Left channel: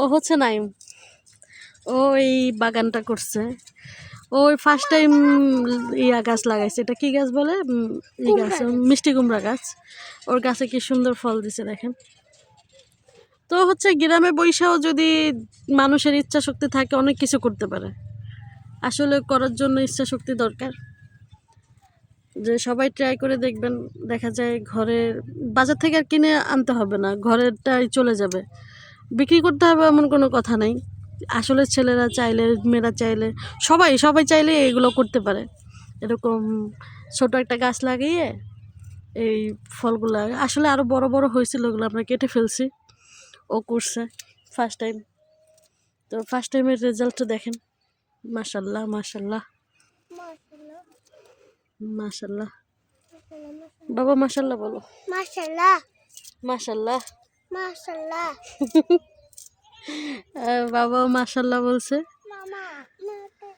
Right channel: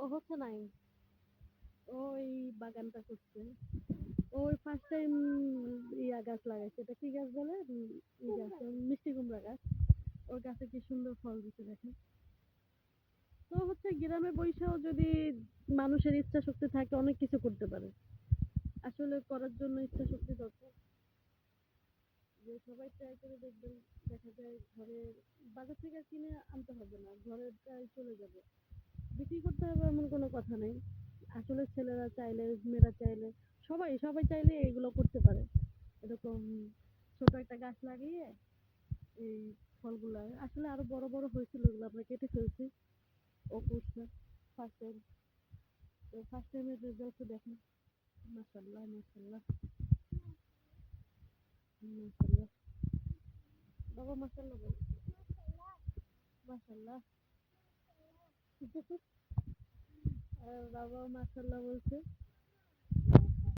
ও হচ্ছে নাইম। ও এই বাগানটা করছে। ওই ফার্স্ট টাইম ইয়া গাছ লাগাইছে। এটা কি গাছ বলে? ই গাছ, মিষ্টি কুমড়া গাছ। ওর গাছে কি সুন্দর ফল দিছে দেখেন। তো হচ্ছে গ্রামে বৈশাও যদি মানুষের ইচ্ছা শক্তি থাকে অনেক কিছু করতে পারে। আসলে করার জন্য ইচ্ছা শক্তি দরকার। যে সবাই ট্রাই করে দেখবেন, দেখা যায় ঘরের বাজার থেকে আর কিনে আনতে হবে না, ঘরেরটাই চলে যাবে। বিক্রি করতে হবে এমন কোনো কথা নাই। আসলে ছেলেরা চাইলে, মেয়েরা চাইলে, সবাই সবাই চাইলে এগুলো করতে পারে। এরকম ছোট একটা গাছ লাগিয়ে এই ফলগুলো আসলে আরও বড় বড় হয়েছিল, ওগুলো আমরা কেটে ফেলছি। ও করছে ফার্স্ট টাইম। তো ফার্স্ট টাইমের রেজাল্টটা দেখেন। মাশাল্লাহ মাশাল্লাহ মাশাল্লাহ। বাবা মাশাল্লাহ বলো। মাশাআল্লাহ মাশাল্লাহ। মাশাআল্লাহ। বাবাও মাশাল্লাহ বলছে।